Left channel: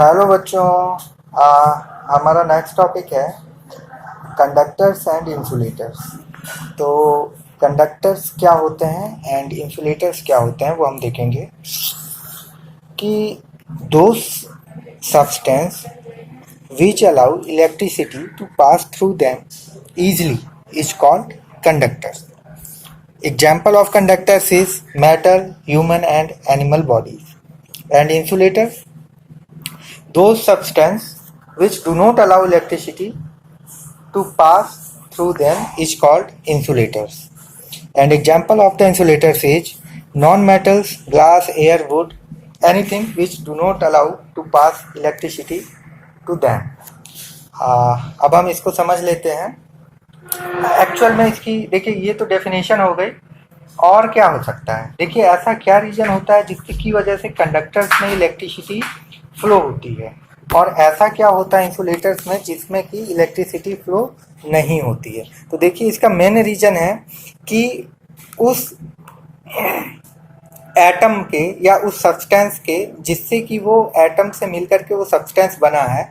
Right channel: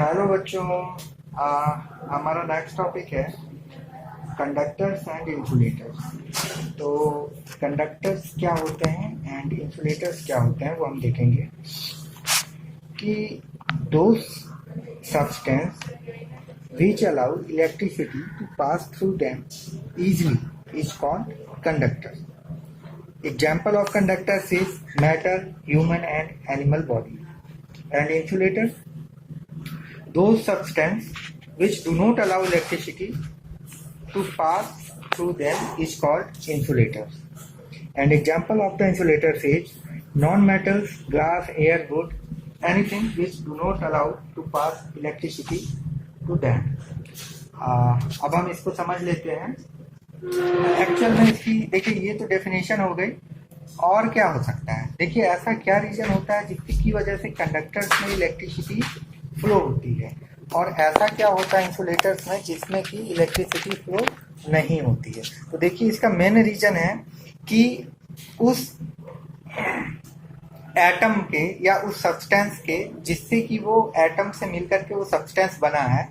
Hello बच्चों। हमारा next topic है कंडक्टर्स एंड इंसुलेटर्स। तो कंडक्टर्स क्या होते हैं एंड इंसुलेटर्स क्या होते हैं वो हम देखेंगे कि दो substance which allow electricity to pass through them easily is called conductors. Example of conductors is metal, human and animal bodies. And insulators, those substances which do not allow electricity to pass through them is called insulators. And example of the insulators is non-metals, glass, air, wood, anything which do not allow to pass electricity to them. अब हम इसको समझ लेते हैं। Actual में इसकी देखिए, ये तो डेफिनेशन हो गई। और क्या हो सकता है? देखिए, ऐसा क्या रीजन होता है जिसकी वजह से कंडक्टर्स में इलेक्ट्रिसिटी फ्लो होती है, और ऐसा क्या होता है इंसुलेटर्स में जिसमें कि इलेक्ट्रिसिटी फ्लो नहीं होती है। तो देखिए, इसका मेन रीजन है कि उस एटम के या उस सब्सटेंस के जिससे कि वो एटम से मिलकर के वो सब्सटेंस बना है,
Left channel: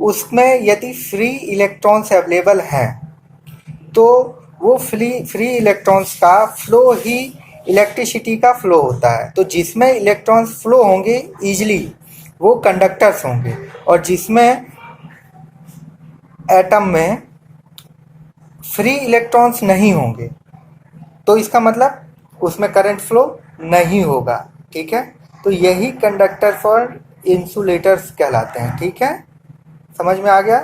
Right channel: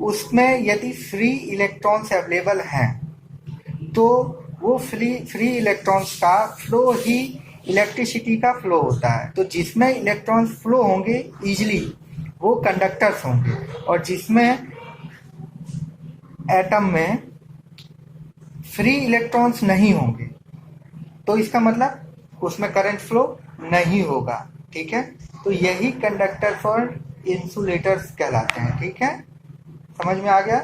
उसमें यदि फ्री इलेक्ट्रॉन्स अवेलेबल हैं तो वो फ्री इलेक्ट्रॉन्स का फ्लो ही इलेक्ट्रिसिटी का फ्लो होता है। तो जिसमें इलेक्ट्रॉन्स फ्लो होंगे इजीली वो कंडक्टर्स होंगे, और जिसमें एटम में फ्री इलेक्ट्रॉन्स नहीं होंगे तो इसका मतलब उसमें करंट फ्लो नहीं होगा। ठीक है, तो यही कंडक्टर्स और इंसुलेटर्स कहलाते हैं। ठीक है, समझ में आ गया?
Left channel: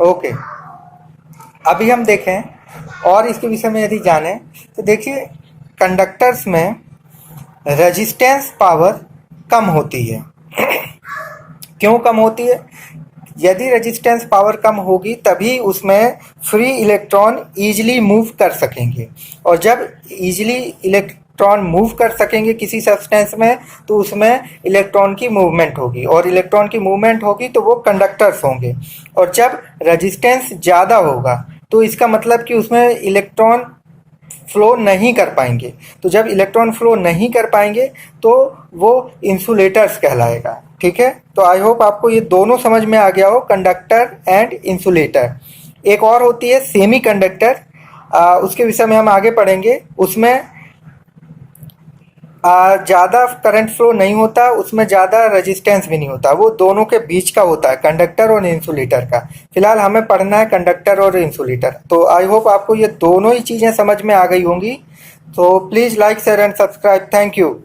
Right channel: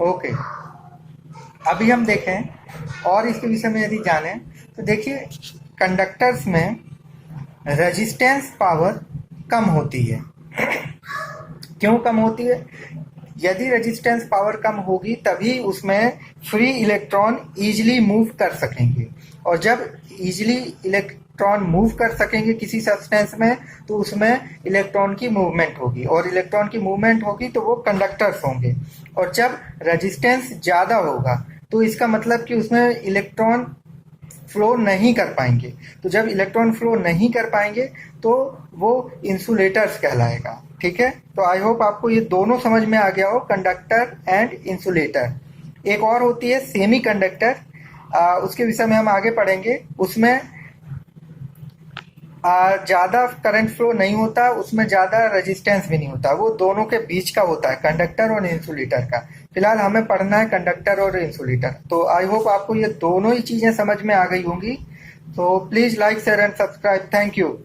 ओके, अभी हम देखें और इसके विषय में यदि जानें तो देखिए, कंडक्टर्स में रेजिस्टेंस पावर कम होती है। क्यों कम होती है? यदि रेजिस्टेंस पावर कम होगी तभी उसमें फ्री इलेक्ट्रॉन ईजिली मूव कर सकेंगे, और जब ईजिली इलेक्ट्रॉन मूव कर सकेंगे किसी सब्सटेंस में तो उसमें इलेक्ट्रॉन की मूवमेंट होगी, और इलेक्ट्रॉन की मूवमेंट होगी तो वो कंडक्टर्स होंगे। और जब रेजिस्टेंस ज़्यादा होगा तो इसका मतलब कि उसमें इलेक्ट्रॉन फ्लो नहीं कर पाएंगे। तो जब इलेक्ट्रॉन फ्लो नहीं कर पाएंगे तो वो इंसुलेटर्स कहलाएगा। ठीक है, तो आई होप आपको ये दोनों समझ में आ गया हो, कंडक्टर एंड इंसुलेटर। एक और होती है सेमी कंडक्टर, उसके विषय में हम आगे पढ़ेंगे। उसमें ज़्यादा करंट फ्लो नहीं होता, उसमें ज़्यादा रेजिस्टेंस भी नहीं होता, वो दोनों के बीच का होता है, कंडक्टर और इंसुलेटर का। फिलहाल हमें पढ़ना है कंडक्टर और इंसुलेटर। तो आई होप आपको ये दोनों ही चीज़ें समझ में आ गई होंगी। तो please like, share and subscribe. Thank you.